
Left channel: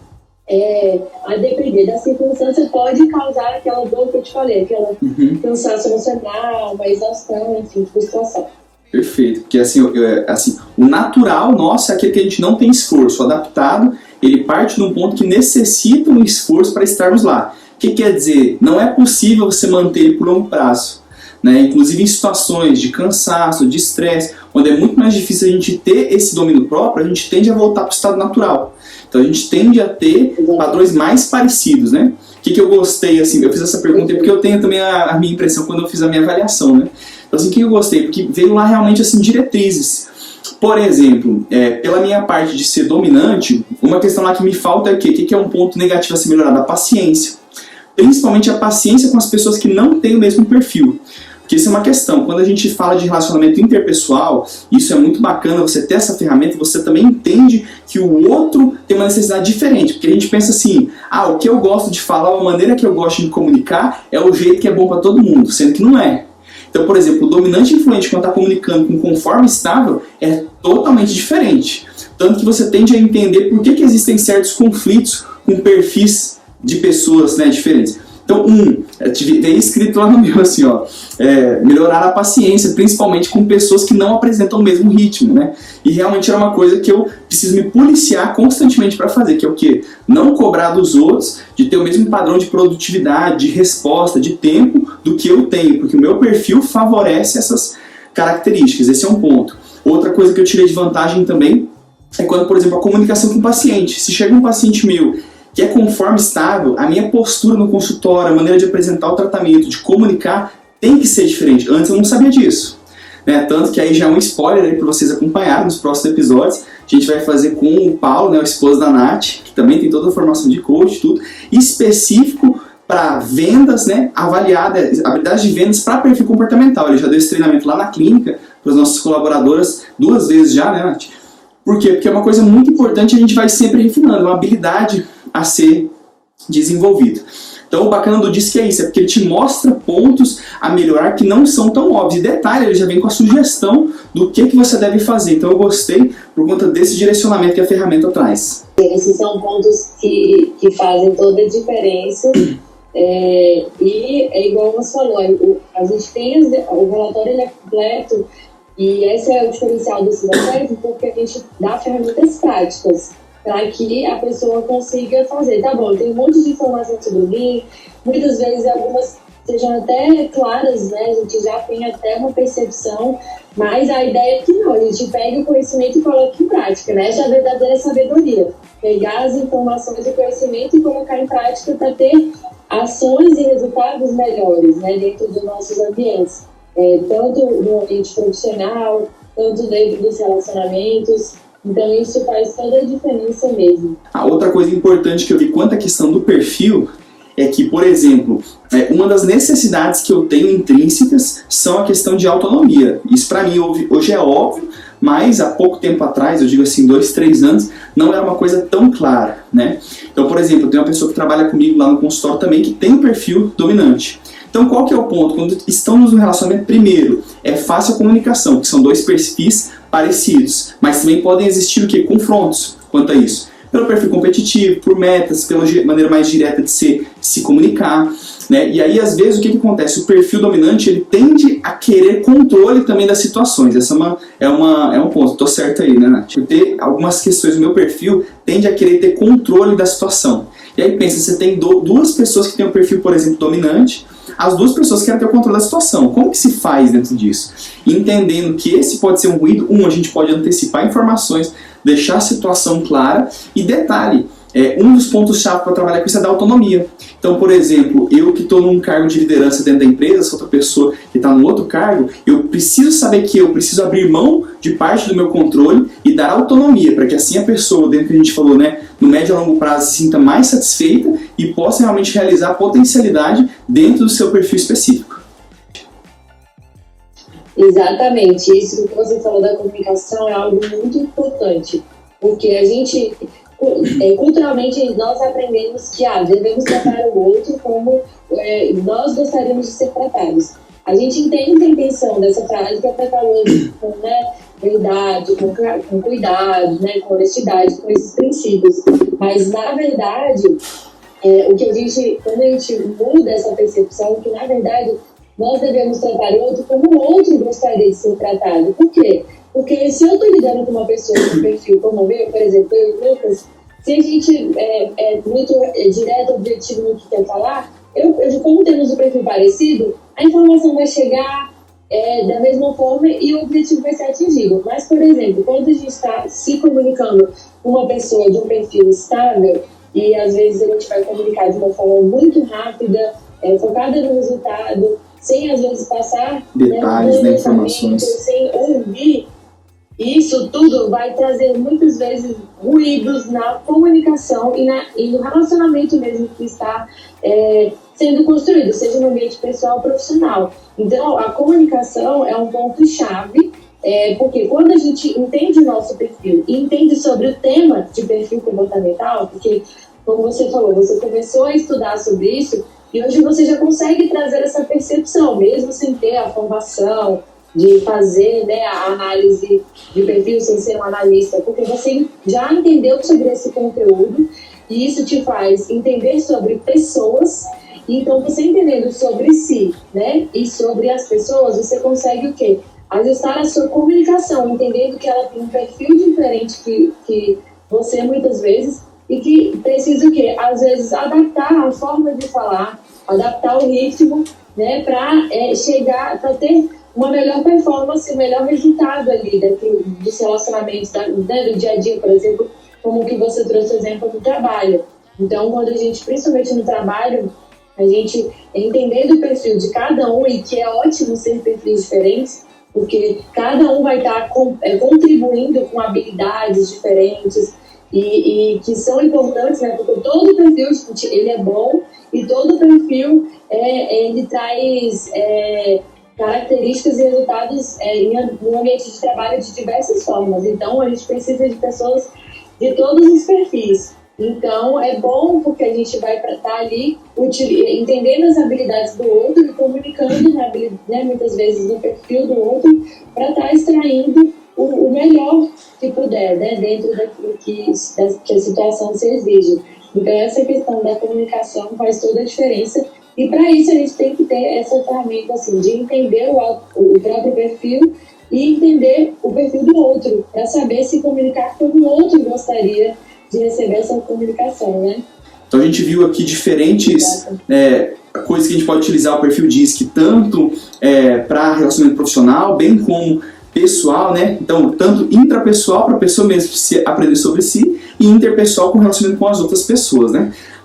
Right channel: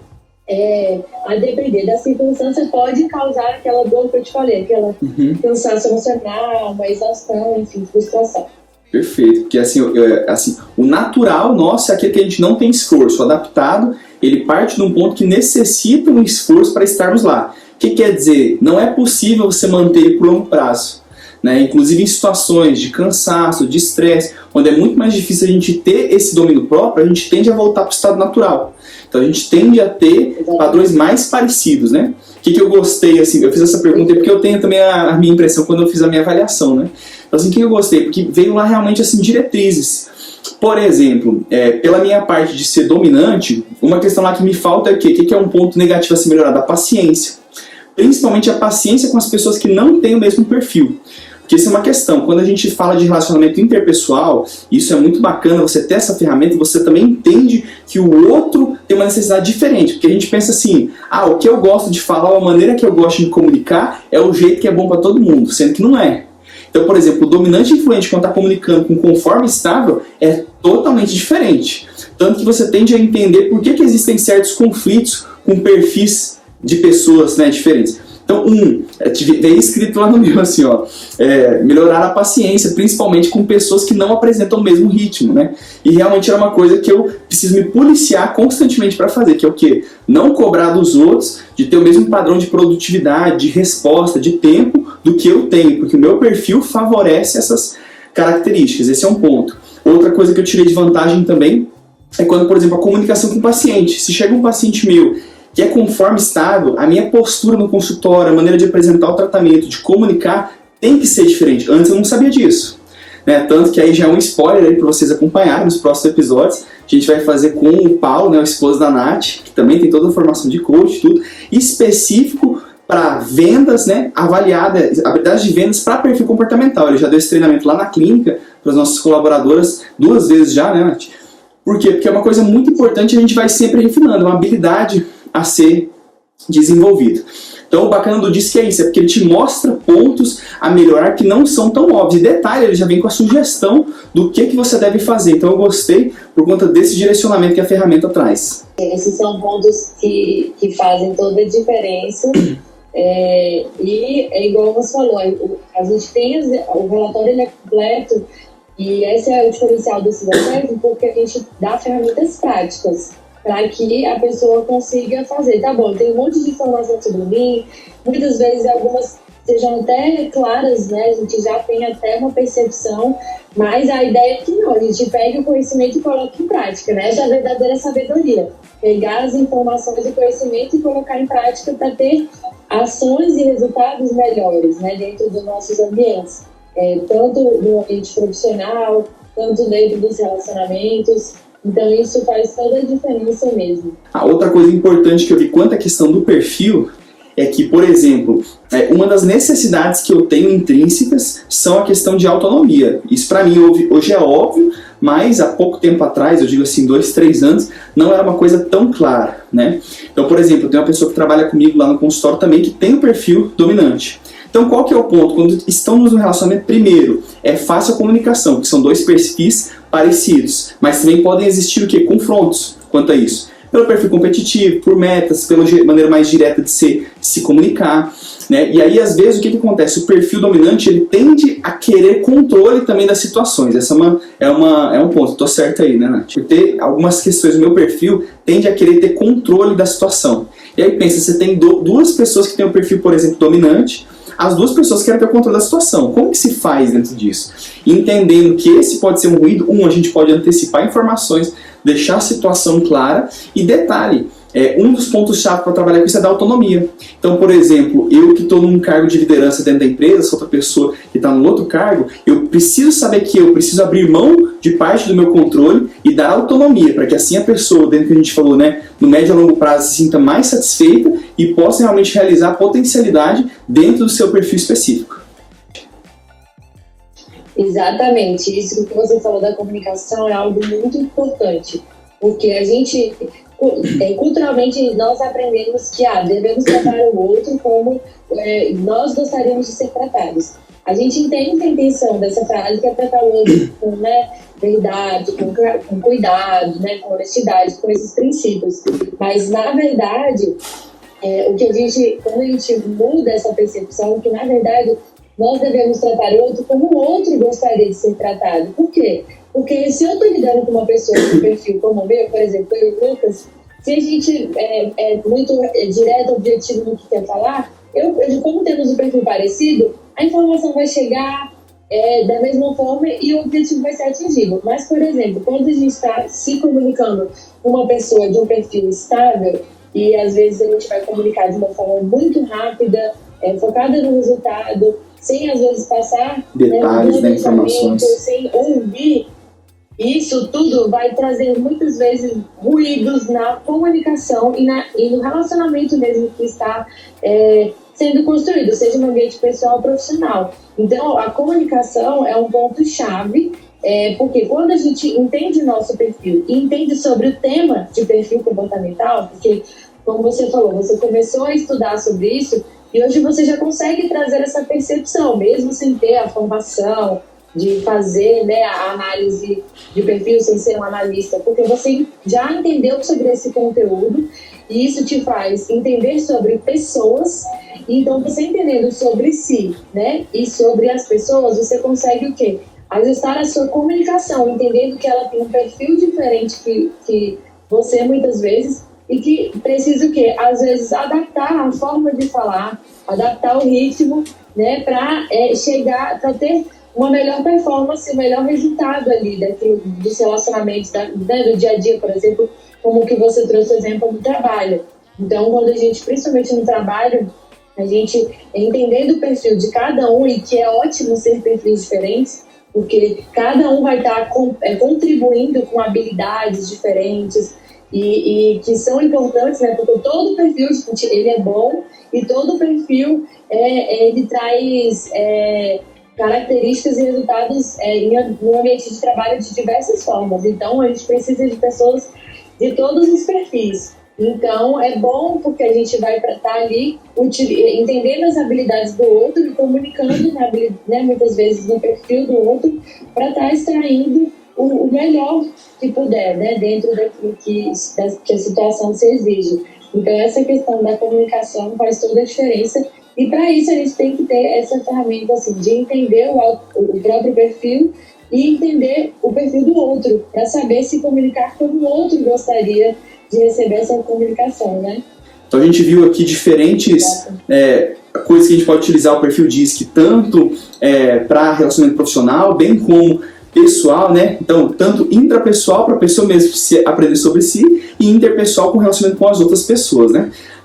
a depender da circunstância, pode causar aquela dor que eu te falei, aquela cansaço emocional, uma exaustão, enfim, frustração. Perfeito, porque assim, o natural nosso é aquele que a gente não tem esforço. O adaptado, ele parte de um ponto que necessita um esforço para estarmos lá. O que quer dizer? Não é possível você manter ele por longo prazo. Né? Inclusive em situações de cansaço, de estresse, onde é muito mais difícil a gente ter esse domínio próprio, a gente tende a voltar para o estado natural. Então a gente tende a ter padrões mais parecidos, né? O que eu gostei, assim, eu fiz essa pergunta porque eu tenho também a minha impressão quando eu fiz a minha avaliação, né? Então assim, o que eu gostei? Porque veio lá realmente, assim, diretrizes. Por exemplo, pela minha parte de ser dominante, uma questão lá que me falta é o quê? O que é um ponto negativo a ser melhorado? A paciência. Principalmente a paciência com as pessoas que não têm o mesmo perfil. Porque isso é uma questão, quando a gente fala de relacionamento interpessoal, isso é muito bacana, você ter essa ferramenta, você também entende que o outro tem uma necessidade diferente, porque a gente pensa assim, o que eu gosto de falar, a maneira que eu gosto de me comunicar é o jeito que é bom para todo mundo, sendo que não é. Então, por exemplo, o dominante influente quando está comunicando com conforme estável é totalmente diferente. Tanto que você tende a entender por que existem certos conflitos com perfis de pessoas, né, diferentes. Então, veio escrito lá no meu assim, melhorar a paciência, principalmente com pessoas que não apresentam o mesmo ritmo, né? E realmente era uma coisa que eu preciso me policiar constantemente para fazer, que é o quê? Não cobrar dos outros de ter o mesmo padrão de produtividade, de resposta, de tempo do que eu tenho, porque o meu perfil favorece essas características. Esse é um ponto. Outra coisa que eu tirei de vantagem também é quando, por exemplo, a comunicação com o paciente. Se chega um paciente meu que é conforme estável, a minha postura no consultório, a maneira de apresentar o tratamento, de comunicar, tem que ser diferente. Antes eu não sabia disso. Né? Tanto que aí já é um spoiler para vocês acompanharem nos próximos episódios. A gente vai fazer com o Paulo, né, o esposo da Nath, que também tem toda a formação de coach, tudo, específico para vendas, né, avaliada, habilidade de vendas para perfil comportamental. Ele já deu esse treinamento lá na clínica, para as nossas colaboradoras, 2 vezes já, né, Nath? Por quê? Porque é uma coisa muito importante e a gente vai sempre refinando, uma habilidade a ser desenvolvido. Então o bacana do DISC é isso, é porque ele te mostra pontos a melhorar que não são tão óbvios. E detalhe, ele já vem com a sugestão do que você deve fazer. Então eu gostei por conta desse direcionamento que a ferramenta traz. Esses são pontos que fazem toda a diferença. E é igual você falou, a gente tem o relatório, ele é completo, e esse é o diferencial desse relatório, porque a gente dá ferramentas práticas para que a pessoa consiga fazer. Tá bom, tem um monte de informação sobre mim, muitas vezes algumas sejam até claras, né? A gente já tem até uma percepção, mas a ideia é que não, a gente pega o conhecimento e coloca em prática, né? Essa é a verdadeira sabedoria. Pegar as informações e conhecimento e colocar em prática para ter ações e resultados melhores, né? Dentro dos nossos ambientes. Tanto no ambiente profissional, tanto dentro dos relacionamentos. Então isso faz toda a diferença mesmo. A outra coisa importante que eu vi quanto à questão do perfil é que, por exemplo, uma das necessidades que eu tenho intrínsecas são a questão de autonomia. Isso para mim hoje é óbvio, mas há pouco tempo atrás, eu digo assim, 2, 3 anos, não era uma coisa tão clara, né? Então, por exemplo, tem uma pessoa que trabalha comigo lá no consultório também que tem um perfil dominante. Então, qual que é o ponto? Quando estamos no relacionamento, primeiro, é fácil a comunicação, que são 2 perfis parecidos, mas também podem existir o quê? Confrontos quanto a isso. Pelo perfil competitivo, por metas, pela maneira mais direta de se comunicar, né? E aí, às vezes, o que acontece? O perfil dominante, ele tende a querer controle também das situações. Essa é um ponto. Tô certo aí, né, Nath? Por ter algumas questões do meu perfil, tende a querer ter controle da situação. E aí, pensa, você tem 2 pessoas que têm o perfil, por exemplo, dominante, as 2 pessoas querem ter o controle da situação. Como que se faz dentro disso? Entendendo que esse pode ser um ruído, a gente pode antecipar informações, deixar a situação clara. E detalhe, um dos pontos-chave para trabalhar com isso é da autonomia. Então, por exemplo, eu que estou num cargo de liderança dentro da empresa, essa outra pessoa que está num outro cargo, eu preciso saber que eu preciso abrir mão de parte do meu controle e dar autonomia, para que assim a pessoa, dentro do que a gente falou, né, no médio a longo prazo, se sinta mais satisfeita e possa realmente realizar a potencialidade dentro do seu perfil específico. Exatamente, isso que você falou da comunicação é algo muito importante, porque a gente, culturalmente, nós aprendemos que devemos tratar o outro como nós gostaríamos de ser tratados. A gente entende a intenção dessa frase, que é tratar o outro com verdade, com cuidado, né, com honestidade, com esses princípios, mas na verdade, o que quando a gente muda essa percepção, que na verdade nós devemos tratar o outro como o outro gostaria de ser tratado. Por quê? Porque se eu estou lidando com uma pessoa com um perfil como o meu, por exemplo, eu e o Lucas, se a gente é muito direto, objetivo no que quer falar, como temos um perfil parecido, a informação vai chegar da mesma forma e o objetivo vai ser atingido. Mas, por exemplo, quando a gente está se comunicando com uma pessoa de um perfil estável, e às vezes a gente vai comunicar de uma forma muito rápida, focada no resultado, sem às vezes passar detalhes, informações, sem ouvir, isso tudo vai trazer muitas vezes ruídos na comunicação e no relacionamento mesmo que está sendo construído, seja no ambiente pessoal ou profissional. Então, a comunicação é um ponto-chave, porque quando a gente entende o nosso perfil e entende sobre o tema de perfil comportamental, porque, como você falou, você começou a estudar sobre isso e hoje você já consegue trazer essa percepção, mesmo sem ter a formação de fazer a análise de perfil sem ser um analista, porque você já entendeu sobre esse conteúdo e isso te faz entender sobre pessoas. Então, você entendendo sobre si, e sobre as pessoas, você consegue o quê? Ajustar a sua comunicação, entendendo que ela tem um perfil diferente que você muitas vezes e que precisa o quê? Às vezes adaptar a forma de falar, adaptar o ritmo, para chegar, para ter uma melhor performance, um melhor resultado ali dos relacionamentos, do dia a dia, por exemplo, como que você trouxe o exemplo do trabalho. Então, quando a gente, principalmente no trabalho, a gente entender do perfil de cada um, e que é ótimo ser perfis diferentes, porque cada um vai estar contribuindo com habilidades diferentes e que são importantes, porque todo perfil, gente, ele é bom e todo perfil ele traz características e resultados no ambiente de trabalho de diversas formas. Então, a gente precisa de pessoas de todos os perfis. Então, é bom porque a gente vai estar ali entendendo as habilidades do outro e comunicando, muitas vezes, no perfil do outro para estar extraindo o melhor que puder, dentro daquilo que a situação se exige. Então, essa questão da comunicação faz toda a diferença. E, para isso, a gente tem que ter essa ferramenta assim, de entender o próprio perfil e entender o perfil do outro, para saber se comunicar como o outro gostaria de receber essa comunicação, Então a gente viu aqui diferentes coisas que a gente pode utilizar o perfil DISC, tanto para relacionamento profissional, bem como pessoal, Então, tanto intrapessoal para a pessoa mesmo se aprender sobre si e interpessoal com relacionamento com as outras pessoas,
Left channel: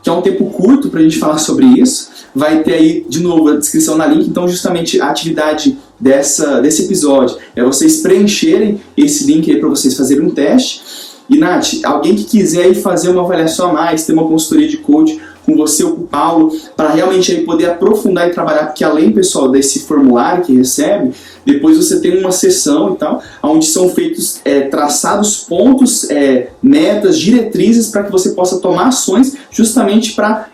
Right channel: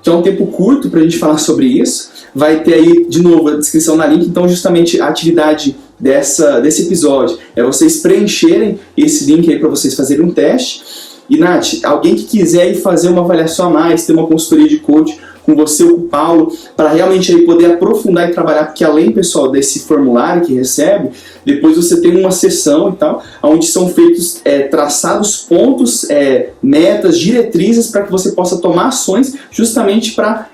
Que é um tempo curto para a gente falar sobre isso. Vai ter aí, de novo, a descrição na link. Então, justamente, a atividade desse episódio é vocês preencherem esse link aí para vocês fazerem um teste. E, Nath, alguém que quiser ir fazer uma avaliação a mais, ter uma consultoria de coach com você ou com o Paulo, para realmente aí poder aprofundar e trabalhar, porque além, pessoal, desse formulário que recebe, depois você tem uma sessão e tal, onde são feitos, traçados pontos, metas, diretrizes, para que você possa tomar ações justamente para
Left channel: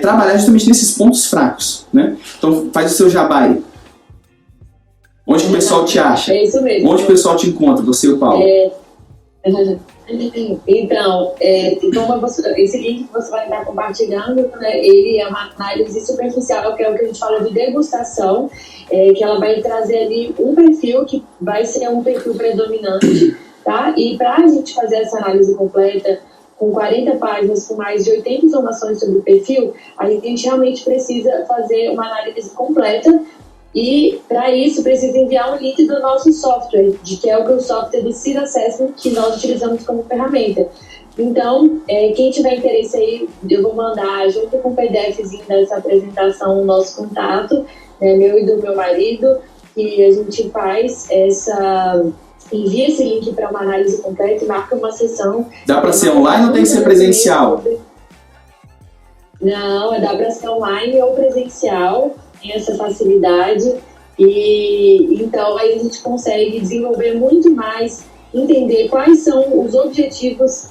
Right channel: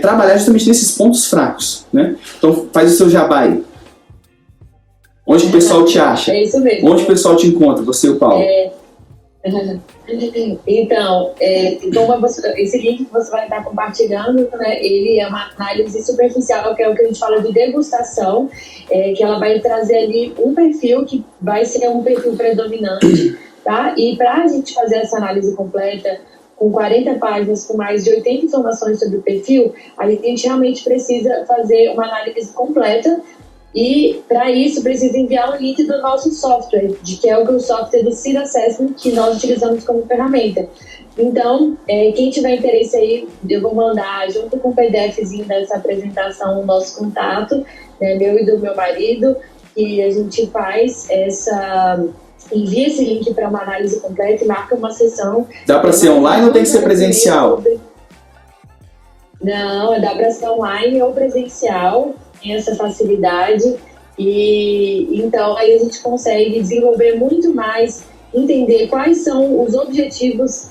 trabalhar justamente nesses pontos fracos, Então, faz o seu jabá aí. Onde que o pessoal te acha? É isso mesmo. Onde o pessoal te encontra, você e o Paulo? Então, esse link que você vai estar compartilhando, ele é uma análise superficial, que é o que a gente fala de degustação, que ela vai trazer ali um perfil que vai ser um perfil predominante, tá? E para a gente fazer essa análise completa, com 40 páginas, com mais de 80 informações sobre o perfil, a gente realmente precisa fazer uma análise completa. E, para isso, precisa enviar um link do nosso software, que é o software do Seed Assessment, que nós utilizamos como ferramenta. Então, quem tiver interesse aí, eu vou mandar, junto com o PDFzinho dessa apresentação, o nosso contato, meu e do meu marido, e a gente faz envia esse link para uma análise completa e marca uma sessão. Dá para ser online ou tem que ser presencial? Não, dá para ser online ou presencial. Tem essa facilidade e então aí a gente consegue desenvolver muito mais, entender quais são os objetivos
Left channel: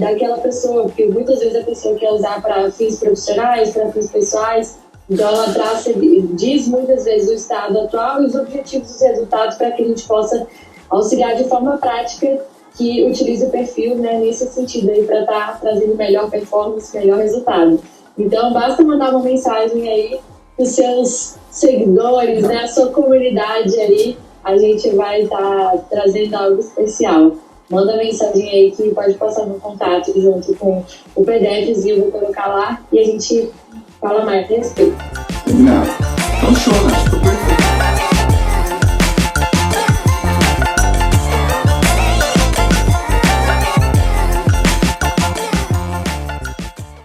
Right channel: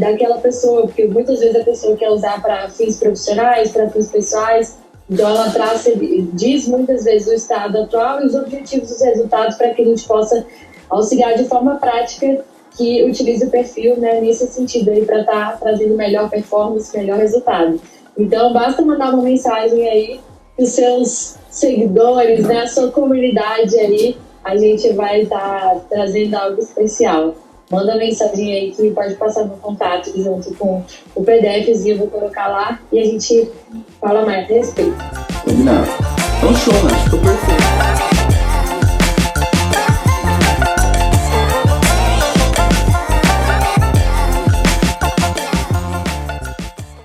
daquela pessoa, porque muitas vezes a pessoa quer usar para fins profissionais, para fins pessoais, então ela diz muitas vezes o estado atual e os objetivos, os resultados, para que a gente possa auxiliar de forma prática que utilize o perfil nesse sentido aí para estar trazendo melhor performance, melhor resultado. Então basta mandar uma mensagem aí os seus seguidores, né, a sua comunidade aí, a gente vai estar trazendo algo especial. Manda mensagem aí que pode passar no contato junto com o PDFzinho, eu vou colocar lá e a gente fala mais a respeito. Não. Então show, né? Ficou perfeito.